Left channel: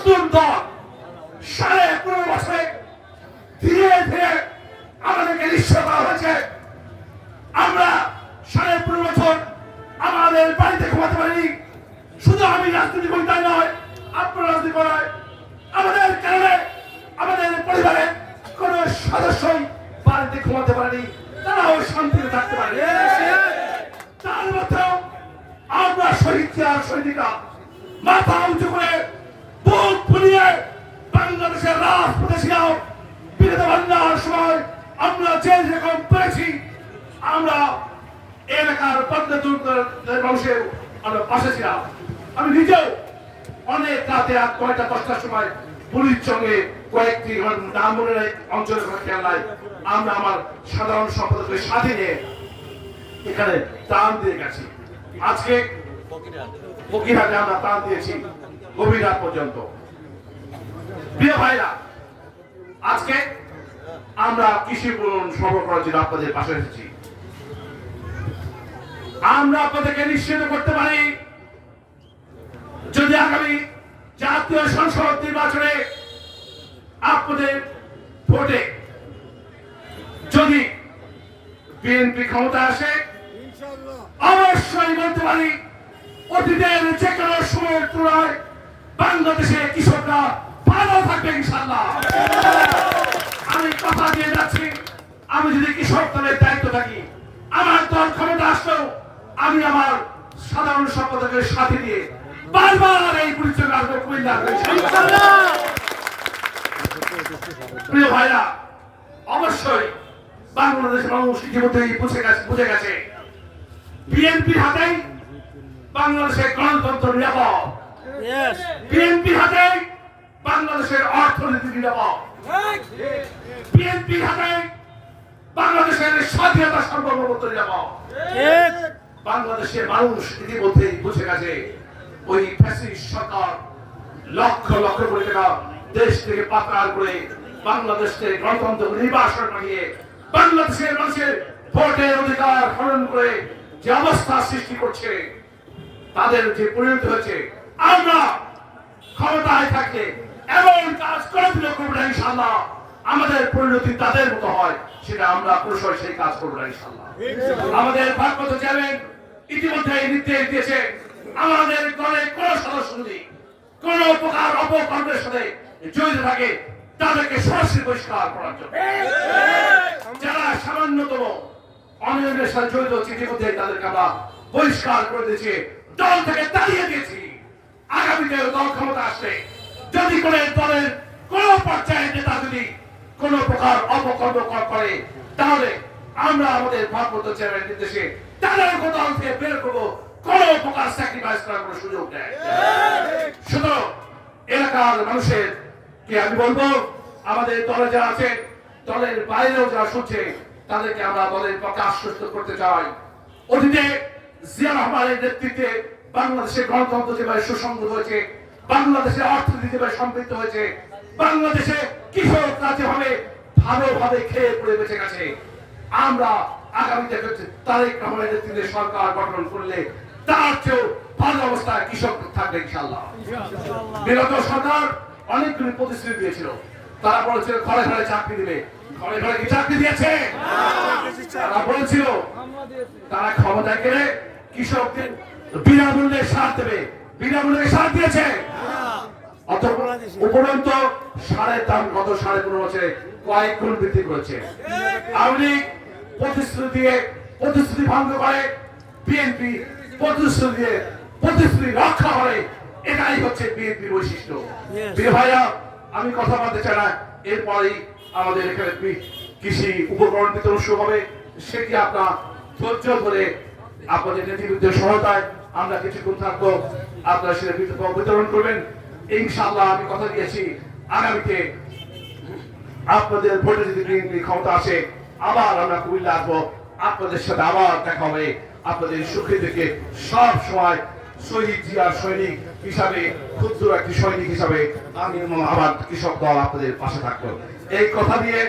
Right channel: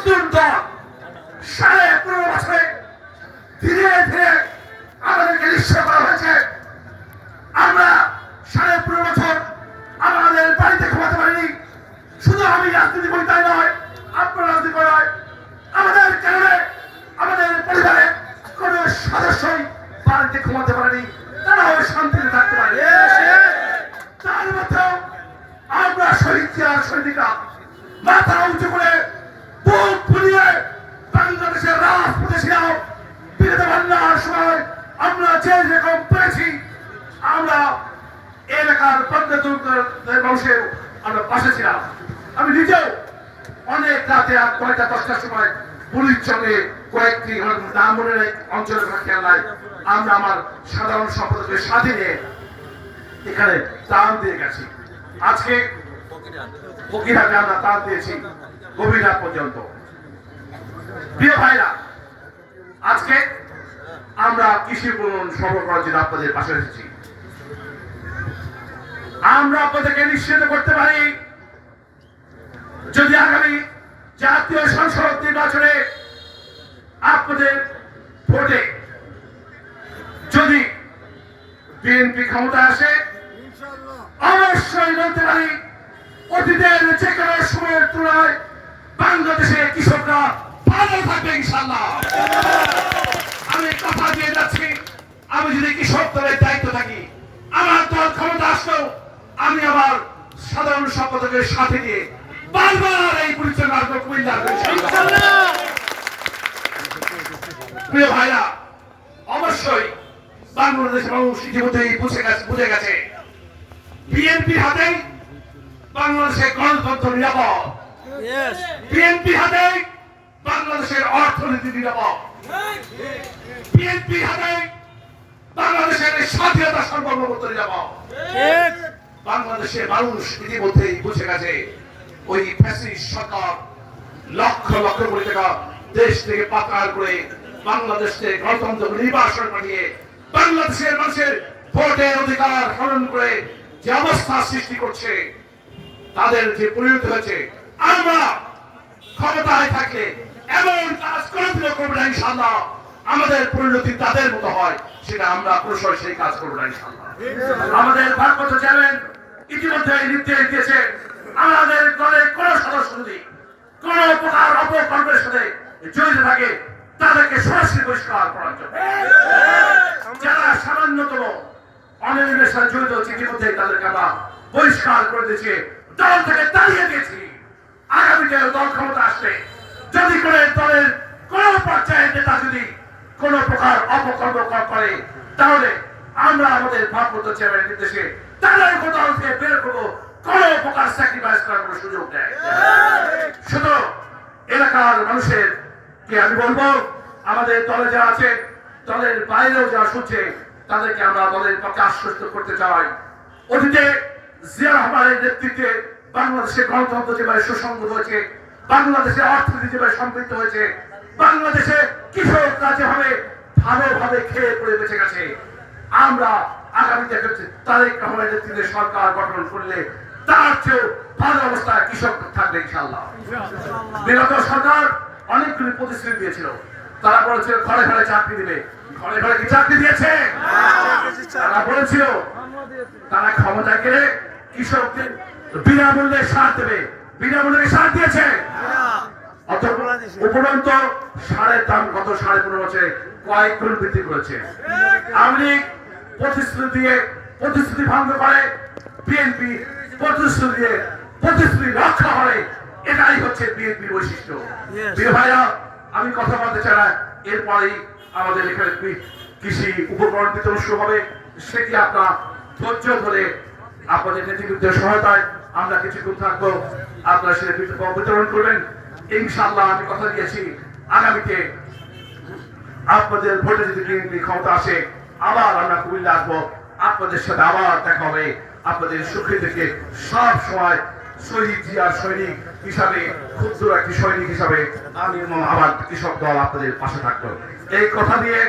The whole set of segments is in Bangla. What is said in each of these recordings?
মজদুর দল 15.5 বছরে ধীরে ধীরে আমাদেরকে নিশ্চয় করা হয়েছে। আমরা 15.5 বছর আমাদের বাড়িতে ঘুমাতে পারিনি। শুধু আমি রাজনীতি করি তাই নয়, আপনার রাজনীতি করায় আমাদের কারণে আমাদের পরিবারে কোন সদস্যই বাড়িতে ঘুমাতে পারেনি, তারাও শান্তিতে থাকতে পারে। তার মধ্যেও আমরা শহীদ আর শহীদিকা মাথা উঁচু করে বুক ফুলিয়ে বাংলাদেশের রাজপথে ছিলাম। বিরোধী বাংলার সময় আমরা যে রকম পেরেছি, আমরা এলাকার পদ্মা মানুষের আমরা পাশে ছিলাম। আমি নিজেও অনেক রাতে 9টা 10টার সময় পুলিশ সঙ্গে কয়েকটি নাম মনে অঞ্চলের খেয়াল নাই, আমরা আমার সাধারণ সম্পাদকের সাথে নিয়ে এখানে ত্রাণ দিয়ে গেছি। আজকে ফকিরহাটে আমরা ত্রাণ দিয়েছি গভীর রাত পর্যন্ত। প্রিয় ভাইরা, আজকে আমরা কৃষি উন্নয়ন সরবরাহ করার জন্য আপনাদের পাশে এসেছি। আমরা আপনাদেরকে নিশ্চিত করতে পারি, যদি আগামী জাতীয় সংসদ নির্বাচনে আপনাদের ভোটে যদি বিএনপি ক্ষমতায় আসে, অবশ্যই বলতে পারি অতীতের যে কোনো সময়ের তুলনায় বাংলাদেশের কৃষকরা ভালো থাকবে ইনশাআল্লাহ। আমি কথা দিয়ে যাচ্ছি, আমি যদি কৃষক দলের দায়িত্ব থাকি, আমার দল ক্ষমতা আসলেও আমি আমার সাধারণ সম্পাদকের সাথে দিয়ে বারবার এই পরিচয় আসবো কুমিল্লার। প্রিয় ভাইরা, অবশ্যই বাংলাদেশের মানুষ ইতিমধ্যেই বুঝে গেছে বিএনপির হাতেই বাংলাদেশের গণতন্ত্র নিরাপদ, বিএনপির হাতেই বাংলাদেশের অর্থনীতি নিরাপদ, বিএনপির হাতেই বাংলাদেশের স্বাধীনতা সার্বভৌমত্ব নিরাপদ। বাংলাদেশের মানুষ ইতিমধ্যেই বুঝে গেছে ওই ফ্যাসিস্ট সরকার লক্ষ লক্ষ কোটি টাকা দেশ থেকে পাচার করে বাংলাদেশ থেকে গণতন্ত্র নির্বাসন পাঠিয়ে বাংলাদেশের মানুষের ভোটের অধিকার হরণ করে যে অবস্থা সৃষ্টি করছে, তাদের যে পরিণতি হয়েছে, আমরা ক্ষমতায় থাকলে এমন কাজ কোনদিনও করবো না ইনশাআল্লাহ। আমাদের পরিণতি তাদের মতো হয়, সেটা আমরা কৌশল সেই কাজ করবো না ইনশাআল্লাহ। আমাদের ভারপ্রাপ্ত চেয়ারম্যান ইতিমধ্যে নির্দেশ দিয়েছে, আমাদের দলের কোন সদস্য যদি কোন প্রকার অপকর্মের সাথে জড়িত থাকে তাদেরকে সরাসরি বহিষ্কার করার জন্য। যারা সামান্যতম অনিয়মের সাথে জড়িত হচ্ছে ইতিমধ্যে তাদেরকে আমরা বহিষ্কার করে দিয়েছি, দল থেকে তাড়িয়ে দিয়েছি। আগামীতে দল ক্ষমতা আসছে, যদি কোন দলের কোন পর্যায়ের নেতা যদি কোন প্রকার অপকর্ম করে, তাহলে আমরা আমাদের ভারপ্রাপ্ত চেয়ারম্যানের নির্দেশে তাদের দল থেকে বের করবো, কোন প্রকার স্যাক্রিফাইস করার কোন সুযোগ নেই। শুধু এলাকার মানুষের কে আমি বলবো, আমাদের দলে যারা আছে, দলের বাইরেও যারা শুনছে, তাদেরকে আমরা দলের পক্ষে আশ্বস্ত করতে চাই। অতীতে জিয়া রহমানের নেতৃত্বে বাংলাদেশের গণতন্ত্র যেভাবে সুসংহত হয়েছে, বাংলাদেশের অর্থনীতি যেভাবে সমৃদ্ধ হয়েছে, বাংলাদেশে কৃষকরা যেভাবে ভালোভাবে খেয়ে পড়ে বেঁচে গেছে, আমরা আগামীতে তারেক রহমানের নেতৃত্বে সরকার গঠন করলে তার চেয়েও ভালো অবস্থায় কৃষক থাকবে ইনশাআল্লাহ। বিগত সরকার অনেকগুলি প্রতিশ্রুতি দিয়েছিল, তারা বলেছিল ঘরে ঘরে চাকরি দিবে, ঘরে ঘরে কি চাকরি দিয়েছে? তারা বলেছিল তারা ক্ষমতায় গেলে কৃষকদের বিনামূল্যে সার দেবে, বিনামূল্যে সার দিয়েছে? উপরন্ত সারের দাম গত 15.5 বছরে কয়েক গুণ বৃদ্ধি করেছে। আওয়ামী লীগ প্রতিশ্রুতি ভঙ্গ করে, বিএনপি প্রতিশ্রুতি রক্ষা করে, এটাই হচ্ছে বিএনপির বৈশিষ্ট্য। প্রিয় ভাইরা, আমি কথা বলতে চাই না, এরপরেই আমাদের এখানে কৃষি উপকরণ বিতরণ শুরু হবে। সেটি আপনার ধৈর্য ধরে আপনাদের নেতৃবৃন্দের সহায়তায় আমরা কিছুক্ষণ থাকবো, আপনারা সেটা বিতরণ করবেন ইনশাআল্লাহ। আমি কথা দিয়েছি, আগামীতে আপনাদের ভোটে যদি বিএনপি ক্ষমতা আসে, আবার আমরা কুমিল্লা আসবো, আপনাদের সাথে আবার দেখা হবে। আপনাদের সুখী থেকে সব সময় শহীদ জিয়ার সৈনিক হিসাবে, ক্ষুদ্র একটি সৈনিক হিসাবে আমি আমার কৃষক দল আপনাদের পাশে থাকবো। এই কথা দিয়ে,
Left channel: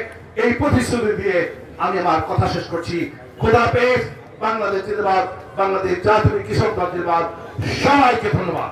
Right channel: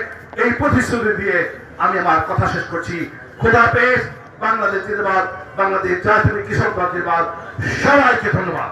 এই প্রতিশ্রুতি দিয়ে আমি আমার কথা শেষ করছি। খোদা হাফেজ। বাংলাদেশ জিন্দাবাদ, বাংলাদেশ জাতীয় কৃষক দল জিন্দাবাদ। সবাইকে ধন্যবাদ।